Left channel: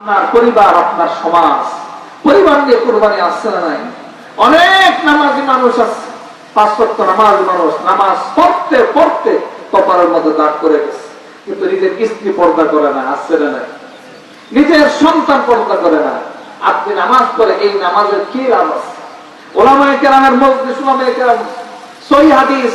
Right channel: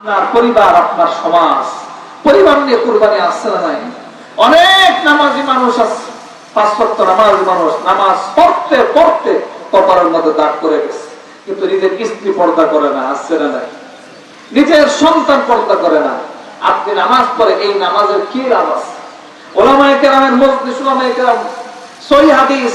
আপনার পরিবার, আপনার সমাজ, পরিবার নিয়ে কুরবানি আসছে না নাই? অনেক নামাজি মানুষ আছে, 5 ওয়াক্ত নামাজি মানুষ, নামাজ পড়তে পড়তে কপালের মধ্যে দাগ করে গেছে, কিন্তু নিজের স্ত্রী পর্দা করে না, আসছে না নাই? নিজের সন্তান পর্দা করে না। আপনি নামাজ পড়ে এই নামাজের কি লাভ আছে? ওলামায়ে কেরামের মজলিস, ওলামায়ে কেরাম সহিহ হাদিস,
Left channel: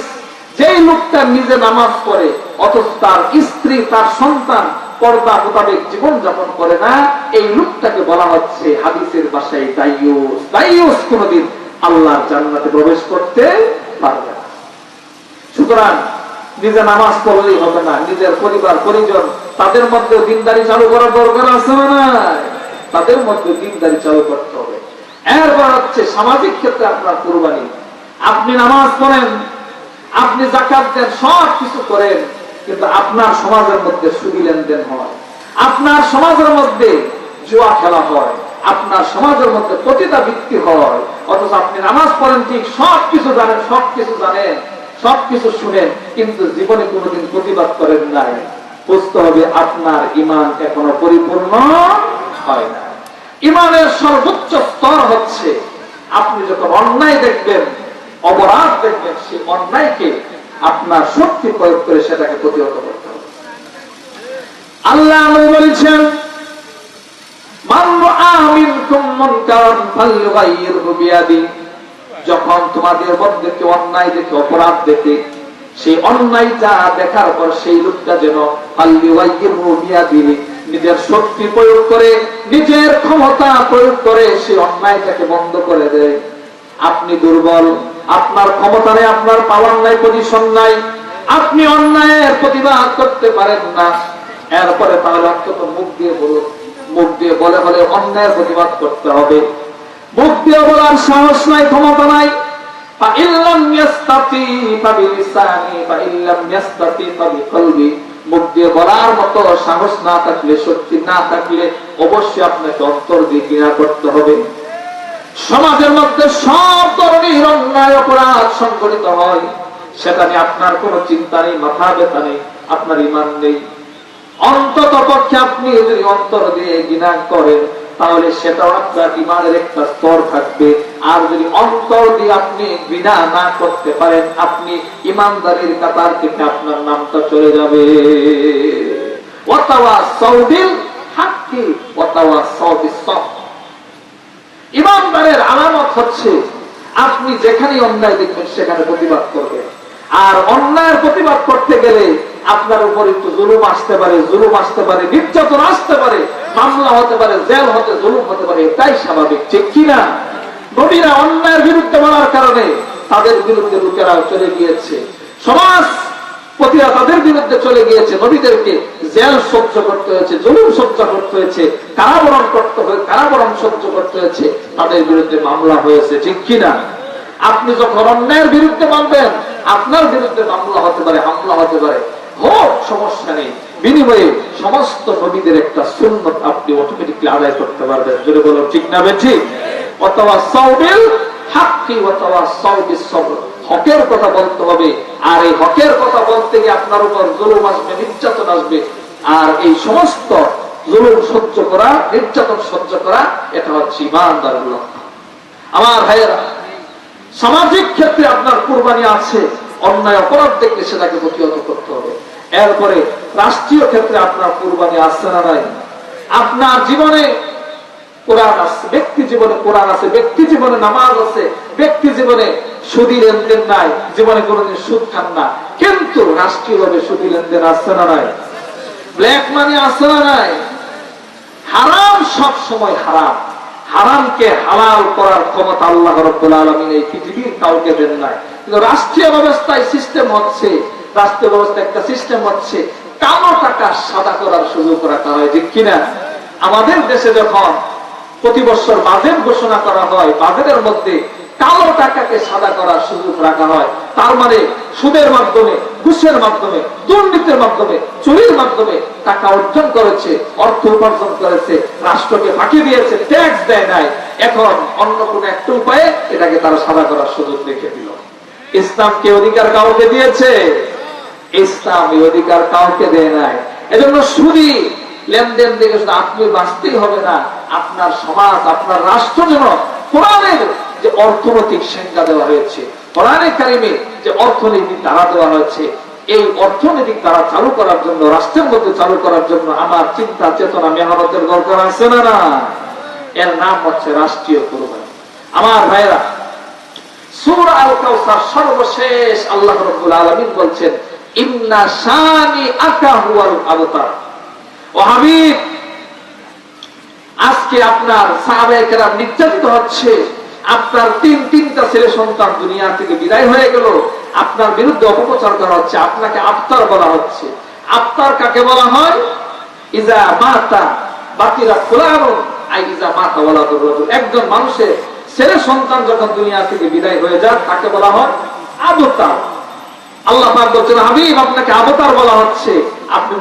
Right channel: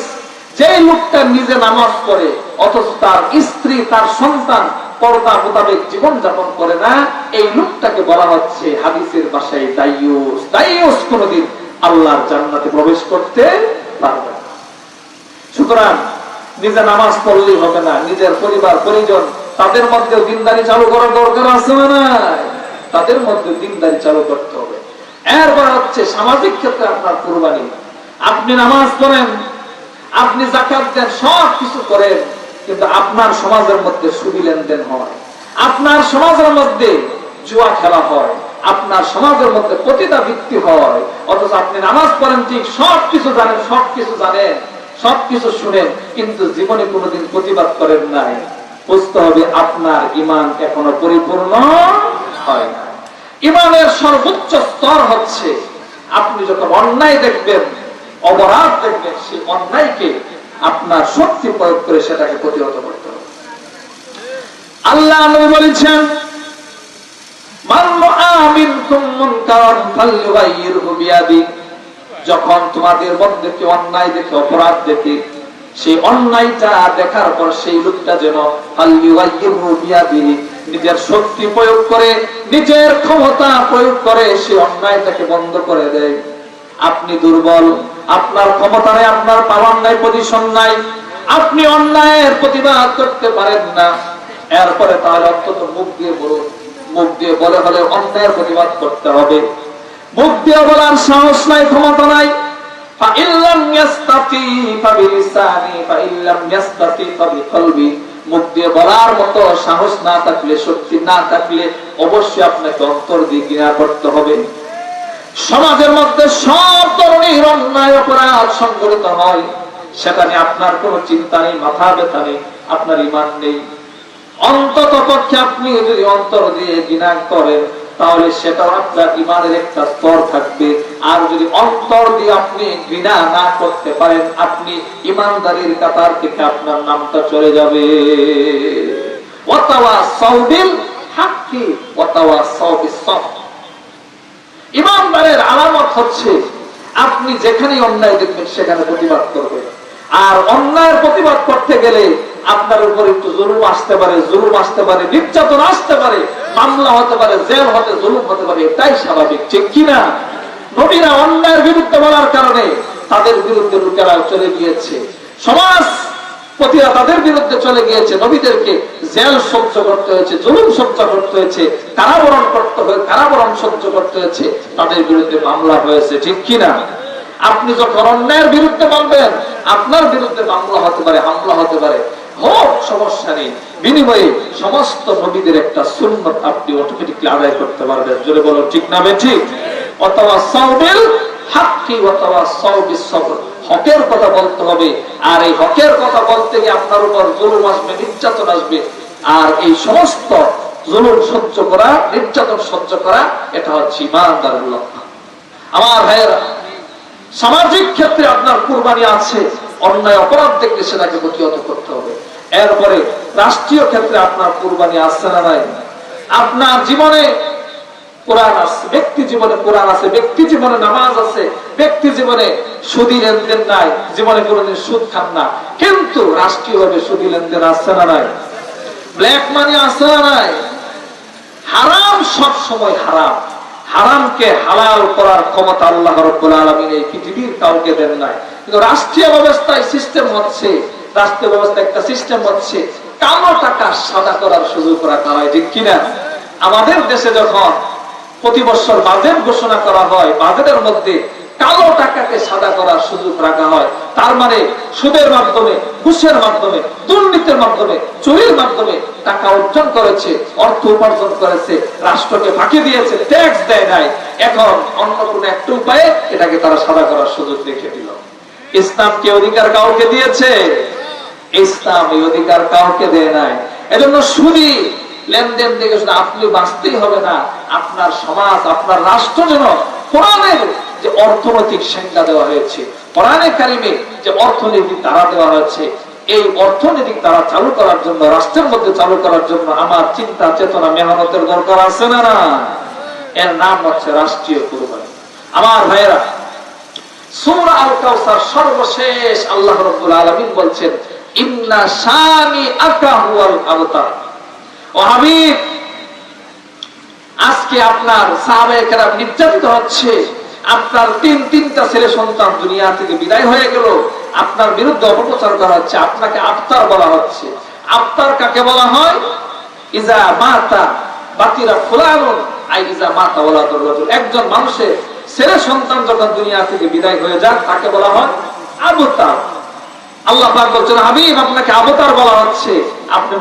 যে লোকটা নিজে নামাজ পড়ে অথচ তার স্ত্রী, তার সন্তান পর্দা মোতাবেক জীবন যাপন করে না, এই লোকটাকে বলা হচ্ছে হাদিসের ভাষায় দাইয়ুস। দাইয়ুস কোনদিন আল্লাহর জান্নাতে প্রবেশ করতে পারবে না। সুতরাং নিজে নামাজ পড়লেই হবে না, নিজের পরিবার পরিজন তাদের মধ্যে দিনদারি চালু করার দরকার আছে না নাই? তাদের মধ্যে দিনদারি চালু করতে হবে। এরপর হচ্ছে সামাজিক ক্ষেত্রে আপনার কুরবানি। আপনি নামাজ পড়েন, আপনি যাকাত দেন, সব কিছু করেন, কিন্তু আপনার সমাজের মধ্যে সুদি লেনদেন হয়, আপনার সমাজের মধ্যে জুয়া খেলা হয়, আপনার সমাজের মধ্যে পতিতা বৃত্তি হয়, অথচ আপনি নামাজ পড়েন ঠিক, সবকিছু জানেন, সবকিছু জানেন, সবকিছু শুনেন, কিন্তু জীবনে কোনোদিন প্রতিবাদ করেন নাই। বুঝতে হবে আপনার ঈমান এখনো পরিপূর্ণ হয় না। ঈমানের সর্বোচ্চ স্তর হচ্ছে আপনি যখন অন্যায় দেখবেন, অপরাধ দেখবেন, সেই অন্যায়কে আপনার শক্তি প্রয়োগ করে সেটাকে প্রতিহত করতে হবে। আল্লাহ বলেছেন, যখন তোমাদের মধ্যে কেউ অন্যায় দেখে, অপরাধ দেখে, সেই অন্যায়টা দেখার পর সেই লোকটা যেন নিজের শক্তি প্রয়োগ করে, নিজের ক্ষমতা প্রয়োগ করে সেই অন্যায়টাকে বন্ধ করে দেয়। আপনি দুর্বল, আপনার ক্ষমতা নেই, আপনার পাওয়ার নাই, পজিশন নাই, আপনি অন্যায়ের প্রতিবাদ করতে পারেন না। এরপরে তাহলে অন্তত মুখ দিয়ে বলুন, মুখ দিয়ে বলে হলে অন্যায়ের প্রতিবাদ করতে হবে। মুখ দিয়ে বলার সাহস নাই, ক্ষমতা নাই, মুখ দিয়ে বলার মতো সাহস না থাকলে, শক্তি না থাকলে অবশ্যই আপনাকে অন্তর দিয়ে ঘৃণা করতে হবে। সমাজের মধ্যে সব ধরনের অন্যায় অপরাধ সংঘটিত হয়, সেটা নিয়ে আপনার কোনো চিন্তা নেই, মাথা ব্যথা নেই, আপনার ঈমান নেই। অন্তত পক্ষে আপনি যদি অন্তর দিয়ে ঘৃণা করেন, তাহলে সেটাও আপনার ঈমানের একটা স্তর থাকবে। আর যদি অন্তর দিয়ে আপনি ঘৃণা না করতে পারেন, আপনি ঈমানদারের কাতার থেকে আপনার নামটা চলে যাবে। ওয়াতাওয়াসাউ বিল হাক্কি ওয়াতাওয়াসাউ বিস-সাবর। ঈমানদারের আলামত হচ্ছে আপনি যেখানে অন্যায় দেখবেন সেখানে প্রতিবাদ করবেন। আর অন্যায়ের প্রতিবাদ করতে গেলে আপনার উপর একটু জুলুম আসতে পারে, জুলুম আসতে পারে, নির্যাতন আসতে পারে, মামলা হতে পারে, জেল হতে, জুলুম হতে পারে, এটাই স্বাভাবিক, ঠিক কিনা? নবীরা অন্যায়ের বিরুদ্ধে বলার কারণে তাদের বিরুদ্ধে লোকেরা চলে গিয়েছে, সমাজ পতিরা তাদের বিরুদ্ধে চলে গিয়েছে, নবীদেরকে জেল সহ্য করতে হয়েছে, জুলুম সহ্য করতে হয়েছে, কারাবরণ করতে হয়েছে, কারাবরণ সহ্য করতে হয়েছে, তাদের বিরুদ্ধে মামলা হয়েছে, ঠিক কিনা? আপনি যখন অন্যায়ের বিরুদ্ধে বলবেন, আপনার বিরুদ্ধে মামলা হতে পারে, হামলা হতে পারে, হোক, সমস্যা নেই। বিনিময়ে সমস্ত নবীদের একটা সুন্নত আপনি অটোমেটিকলি আদায় করতে পারবেন। জোরে বলো ঠিক না বেঠিক? ওয়াতাওয়াসাউ বিল হাক্কি ওয়াতাওয়াসাউ বিস-সাবর। হকের কথা বলতে হবে, আর এই হকের কথা বলতে গিয়ে আপনার উপর জুলুম আসবে, নির্যাতন আসবে, আর এই সমস্ত জুলুম সহ্য করা, নির্যাতন সহ্য করা, এটা হচ্ছে ঈমানদারের লক্ষণ। আমার ভাইয়েরা, সামাজিক ক্ষেত্রে আপনার কুরবানি আছে, অন্যায় অপরাধ দেখলে সেটাকে প্রতিহত করতে হবে। এরপরে রাষ্ট্রীয় ক্ষেত্রে আপনার কুরবানি আছে না নাই? আপনার জীবনে কোরআন আছে, ব্যক্তি জীবনে কোরআন আছে, ব্যক্তি জীবনে নামাজ আছে, ব্যক্তি জীবনে সুদী লেনদেন নাই, জীবনে কোনদিন সুদ খান না, কিন্তু রাষ্ট্রীয়ভাবে সুদী লেনদেন আছে না নাই? ব্ল্যাক মানি আছে না নাই? হারাম সব সময় হারাম। হারামকে হালাল করার ক্ষমতা আল্লাহ রাব্বুল আলামিন এই পৃথিবীর কাউকে দেন নাই। কিন্তু রাষ্ট্রীয় ব্যবস্থায় সিস্টেম হচ্ছে, রাষ্ট্রীয় ব্যবস্থা একটা সিস্টেম হচ্ছে কালো টাকা সাদা করার সুযোগ রাখা হয়, ঠিক কিনা? আমাদের দেশে যখন প্রতি বছর বাজেট ঘোষণা করা হয়, বাজেটের মধ্যে কালো টাকাকে সাদা করার সুযোগ রাখা হয়। তার মানে সুদের মাধ্যমে, ঘুষের মাধ্যমে, দুর্নীতির মাধ্যমে, চুরির মাধ্যমে টাকা অর্জন করেছে, অর্থ উপার্জন করেছে, রাষ্ট্রকে ফাঁকি দিয়েছে, ট্যাক্স দেয় নাই। এখন অন্য কোন একটা উপায়ে এটাকে তারা সাদা করার সুযোগ রেখে দিল। ইসলাম কি অধিকার কাউকে দিয়েছে? ইসলাম এই অধিকার কাউকে দেয় নাই। এজন্য সুদী লেনদেন দেখে শুধু আপনি বাঁচতেই হবে না, আপনার সমাজ, আপনার রাষ্ট্র যেন কোরআনের যে অর্থনৈতিক সংজ্ঞা দেওয়া হয়েছে, কোরআনে কারিমে যে অর্থনৈতিক ধারা দেওয়া হয়েছে, এই অর্থনৈতিক ধারা চালু করার জন্য, রাষ্ট্রের মধ্যে চালু করার জন্য আমার চিন্তা চেতনা মেহনতের দরকার আছে না? না, এর নাম হচ্ছে রাষ্ট্রীয় কুরবানি। আমার ভাইরা, সূরা আল কাউসার সর্বশেষ আল্লাহ রাব্বুল আলামিন বলছেন, ইন্না শানিআকা হুয়াল আবতার। ও হাবিব, আজকে আপনার সাহাবায়ে কেরাম নির্যাতিত হচ্ছে, আপনার তিনটা ছেলে সন্তান দুনিয়া থেকে বিদায় হয়ে গেল, আপনার বিরুদ্ধে অপপ্রচার করা হচ্ছে, আপনাকে আফতার বলা হচ্ছে। আফতার কাকে বলা হয়? ইজা মাতা বাকিরা ফুলানুন আই ইজা মাতা ওয়ালাদুর রাজুল। একজন মানুষের ছেলে সন্তান যখন দুনিয়া থেকে বিদায় হয়ে যায় তাকে বলা হয় আবতার। আল্লাহ পাক বলছেন, হাবিব আপনাকে আবতার বলা হচ্ছে, আপনি